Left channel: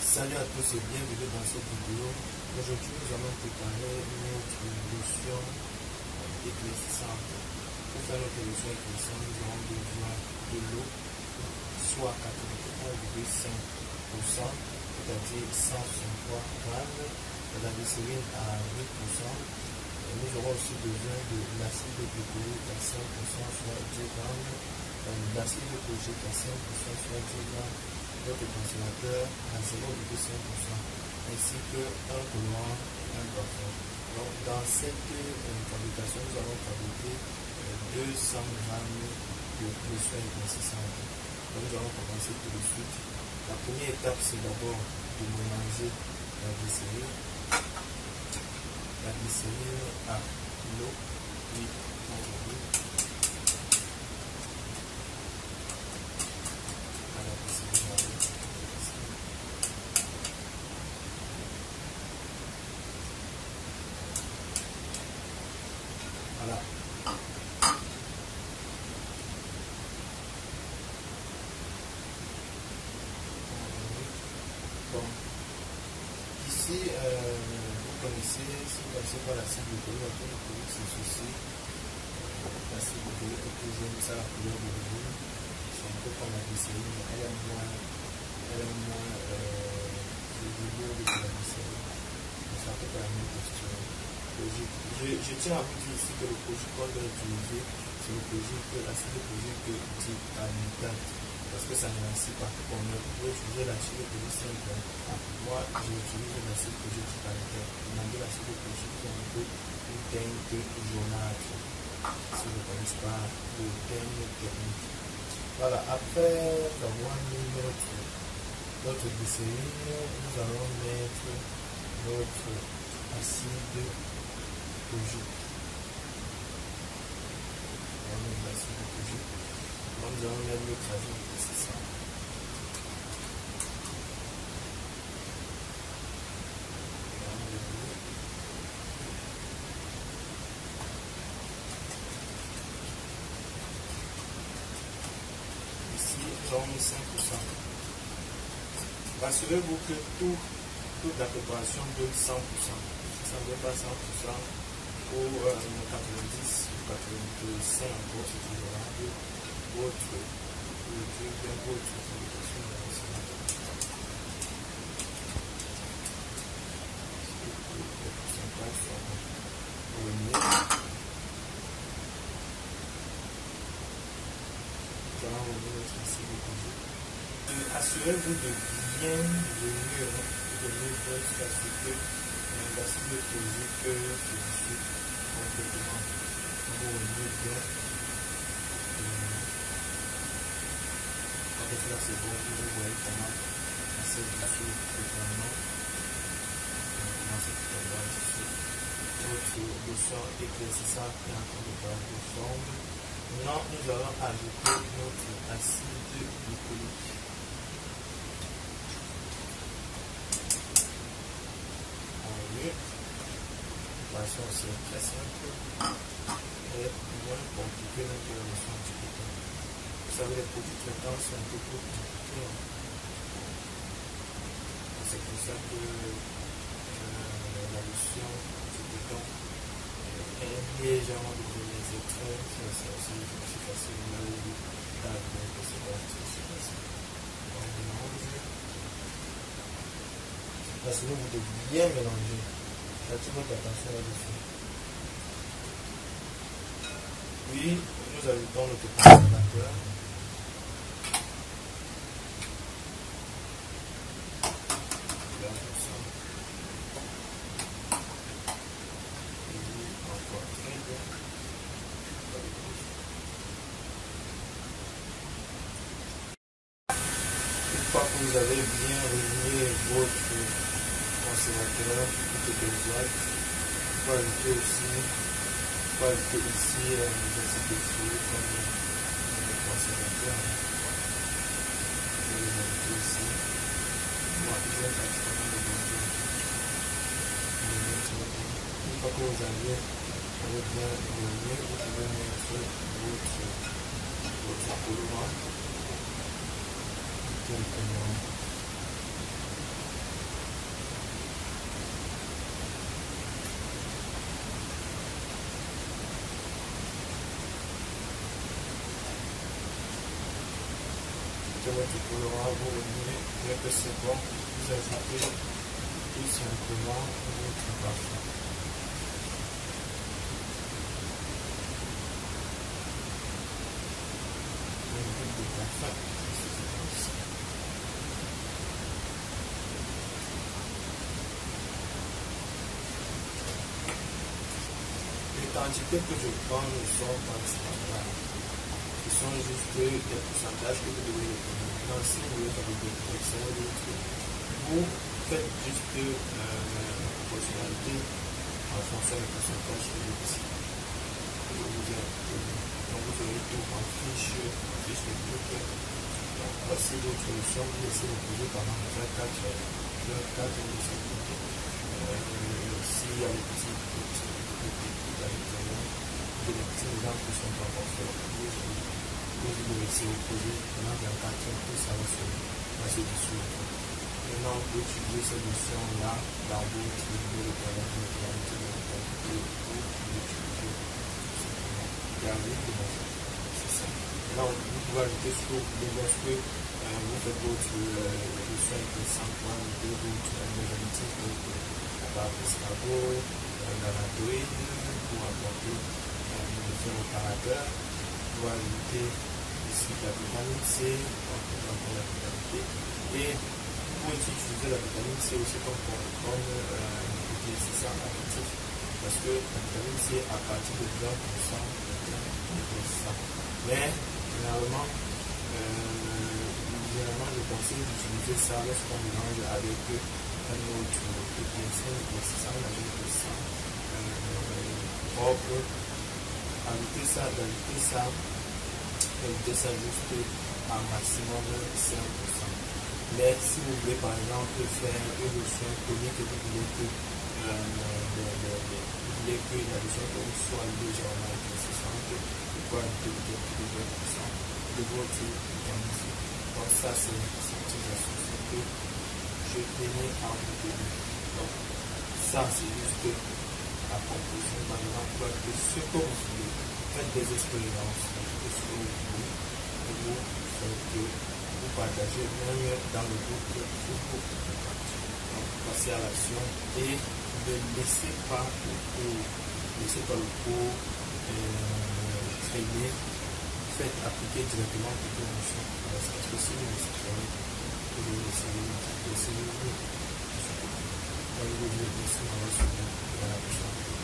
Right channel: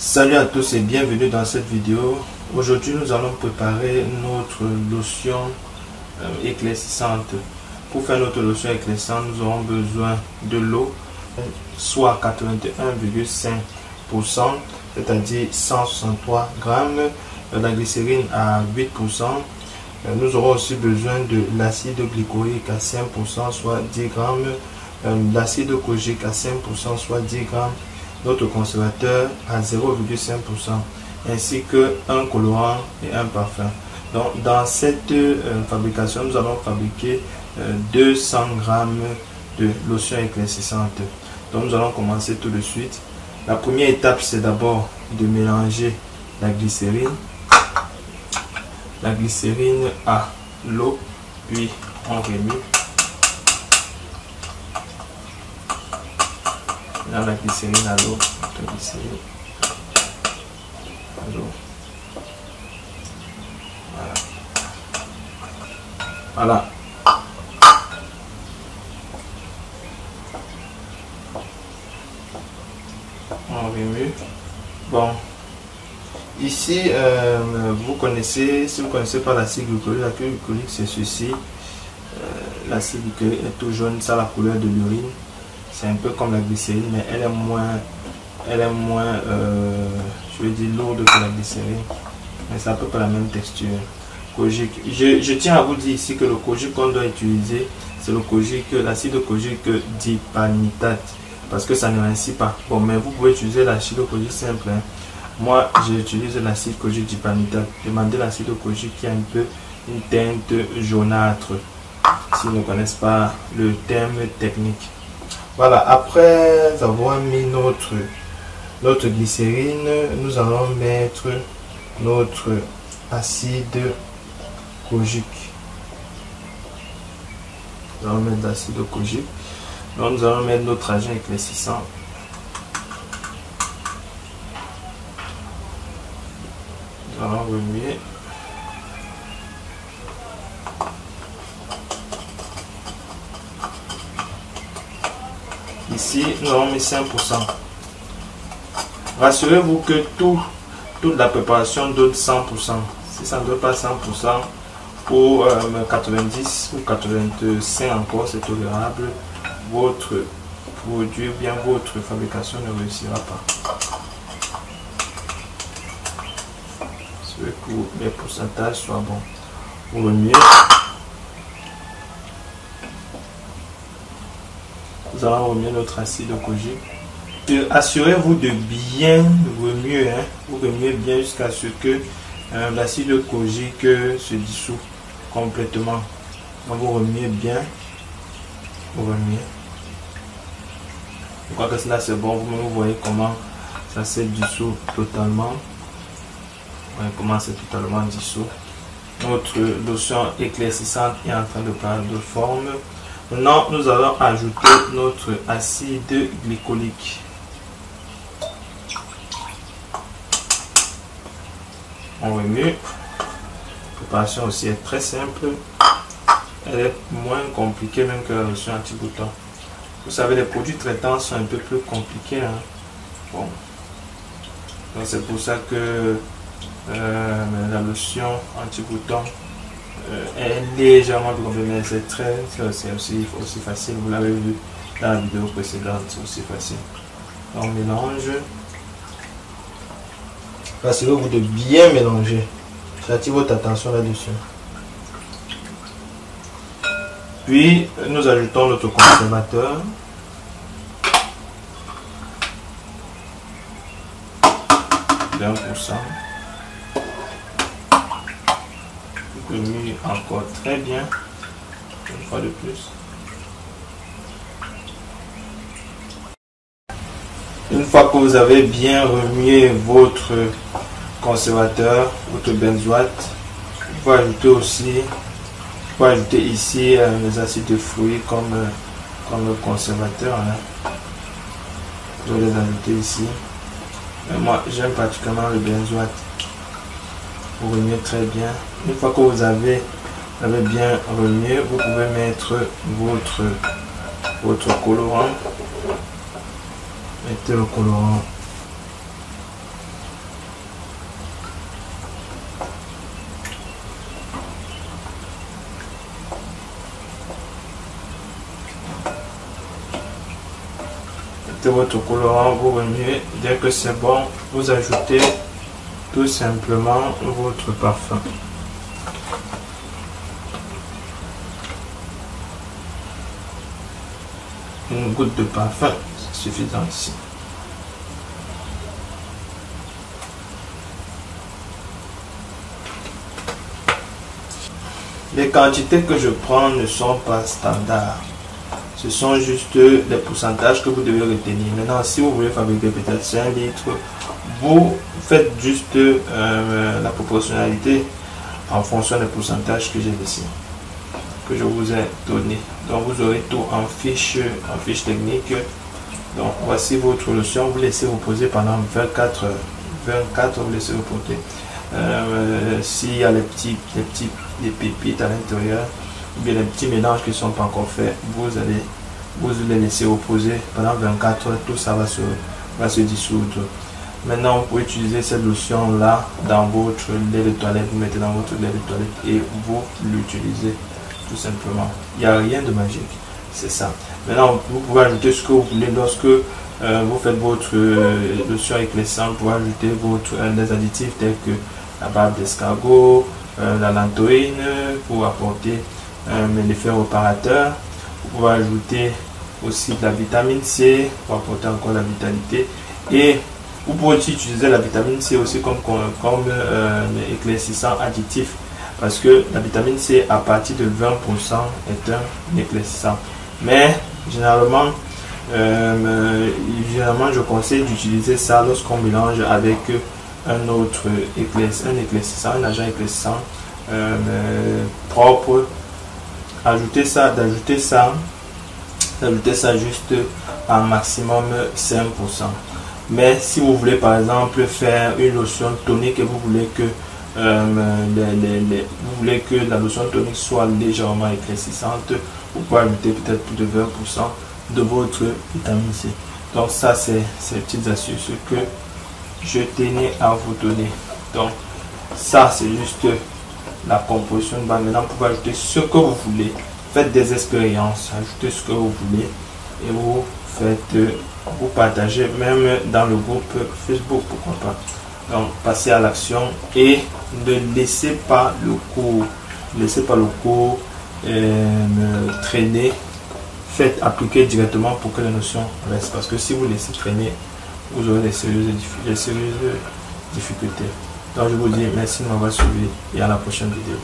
Salut à tous et bienvenue dans cette vidéo. Aujourd'hui nous allons préparer notre lotion éclaircissante. Pour faire notre lotion éclaircissante, nous aurons besoin de l'eau, soit 81,5%, c'est-à-dire 163 grammes, de la glycérine à 8%. Nous aurons aussi besoin de l'acide glycolique à 5%, soit 10 grammes, l'acide kojique à 5%, soit 10 grammes, notre conservateur à 0,5%, ainsi que un colorant et un parfum. Donc, dans cette fabrication, nous allons fabriquer 200 grammes de lotion éclaircissante. Donc, nous allons commencer tout de suite. La première étape, c'est d'abord de mélanger la glycérine à l'eau, puis on remue. Là, la glycérine à l'eau, voilà. On remue. Bon, ici vous connaissez, si vous ne connaissez pas l'acide glycolique, c'est ceci. L'acide glycolique est tout jaune, ça a la couleur de l'urine. C'est un peu comme la glycérine, mais elle est moins je veux dire, lourde que la glycérine. Mais c'est à peu près la même texture. Kojique. Je tiens à vous dire ici que le kojique qu'on doit utiliser, c'est le kojique, l'acide kojique dipalmitate, parce que ça ne rince pas. Bon, mais vous pouvez utiliser l'acide kojique simple. Hein. Moi, j'utilise l'acide kojique dipalmitate. Demandez l'acide kojique qui a un peu une teinte jaunâtre, s'ils ne connaissent pas le terme technique. Voilà, après avoir mis notre glycérine, nous allons mettre notre acide kojique. Nous allons mettre l'acide kojique. Donc nous allons mettre notre agent éclaircissant. Nous allons remuer. Ici, nous avons mis 5%. Rassurez-vous que toute la préparation donne 100%. Si ça ne donne pas 100%, pour 90 ou 85 encore, c'est tolérable. Votre produit ou bien votre fabrication ne réussira pas. Je veux que les pourcentages soient bons. Pour remuer. Nous allons remuer notre acide kojique. Assurez-vous de bien remuer. Hein. Vous remuez bien jusqu'à ce que l'acide kojique se dissout complètement. Donc vous remuez bien. Vous remuez. Je crois que cela c'est bon. Vous voyez comment ça se dissout totalement. Voyez comment c'est totalement dissous. Notre lotion éclaircissante est en train de prendre de forme. Maintenant, nous allons ajouter notre acide glycolique. On remue. La préparation aussi est très simple. Elle est moins compliquée même que la lotion anti-bouton. Vous savez, les produits traitants sont un peu plus compliqués. Hein. Bon. Donc c'est pour ça que la lotion anti-bouton est légèrement plus compliquée, mais c'est aussi facile. Vous l'avez vu dans la vidéo précédente, c'est aussi facile. On mélange. Rassurez-vous de bien mélanger. J'attire votre attention là-dessus. Puis nous ajoutons notre conservateur. De 1%. Remue encore très bien. Une fois de plus. Une fois que vous avez bien remué votre conservateur, votre benzoate, il faut ajouter aussi, ici les acides de fruits comme le conservateur. Hein. Je vais les ajouter ici. Mais moi, j'aime particulièrement le benzoate. Vous remuez très bien. Une fois que vous avez bien remué, vous pouvez mettre votre colorant. Mettez le colorant ajoutez votre colorant, vous remuez. Dès que c'est bon, vous ajoutez tout simplement votre parfum. Une goutte de parfum, c'est suffisant ici. Les quantités que je prends ne sont pas standards. Ce sont juste les pourcentages que vous devez retenir. Maintenant, si vous voulez fabriquer peut-être 5 litres, vous faites juste la proportionnalité en fonction des pourcentages que j'ai ici, que je vous ai donné. Donc vous aurez tout en fiche technique. Donc voici votre lotion. Vous laissez reposer pendant 24 heures. 24, vous laissez reposer. S'il y a les pépites à l'intérieur, ou bien les petits mélanges qui ne sont pas encore faits, vous les laisser reposer pendant 24 heures. Tout ça va se dissoudre. Maintenant, vous pouvez utiliser cette lotion là dans votre lait de toilette. Vous mettez dans votre lait de toilette et vous l'utilisez tout simplement. Il n'y a rien de magique, c'est ça. Maintenant, vous pouvez ajouter ce que vous voulez. Lorsque vous faites votre lotion éclaircissante, vous pouvez ajouter des additifs tels que la barbe d'escargot, la lantoïne pour apporter l'effet réparateur. Vous pouvez ajouter aussi de la vitamine C pour apporter encore la vitalité. Et vous pouvez aussi utiliser la vitamine C aussi comme éclaircissant additif, parce que la vitamine C à partir de 20% est un éclaircissant. Mais généralement, je conseille d'utiliser ça lorsqu'on mélange avec un autre éclaircissant, un agent éclaircissant propre. D'ajouter ça juste à maximum 5%. Mais si vous voulez par exemple faire une lotion tonique et vous voulez que la lotion tonique soit légèrement éclaircissante, vous pouvez ajouter peut-être plus de 20% de votre vitamine C. Donc ça, c'est ces petites astuces que je tenais à vous donner. Donc ça, c'est juste la composition de base. Maintenant, vous pouvez ajouter ce que vous voulez. Faites des expériences, ajoutez ce que vous voulez et vous partagez même dans le groupe Facebook, pourquoi pas. Donc passez à l'action et ne laissez pas le cours traîner. Faites appliquer directement pour que les notions restent, parce que si vous laissez traîner, vous aurez des sérieuses difficultés. Donc je vous dis merci de m'avoir suivi et à la prochaine vidéo.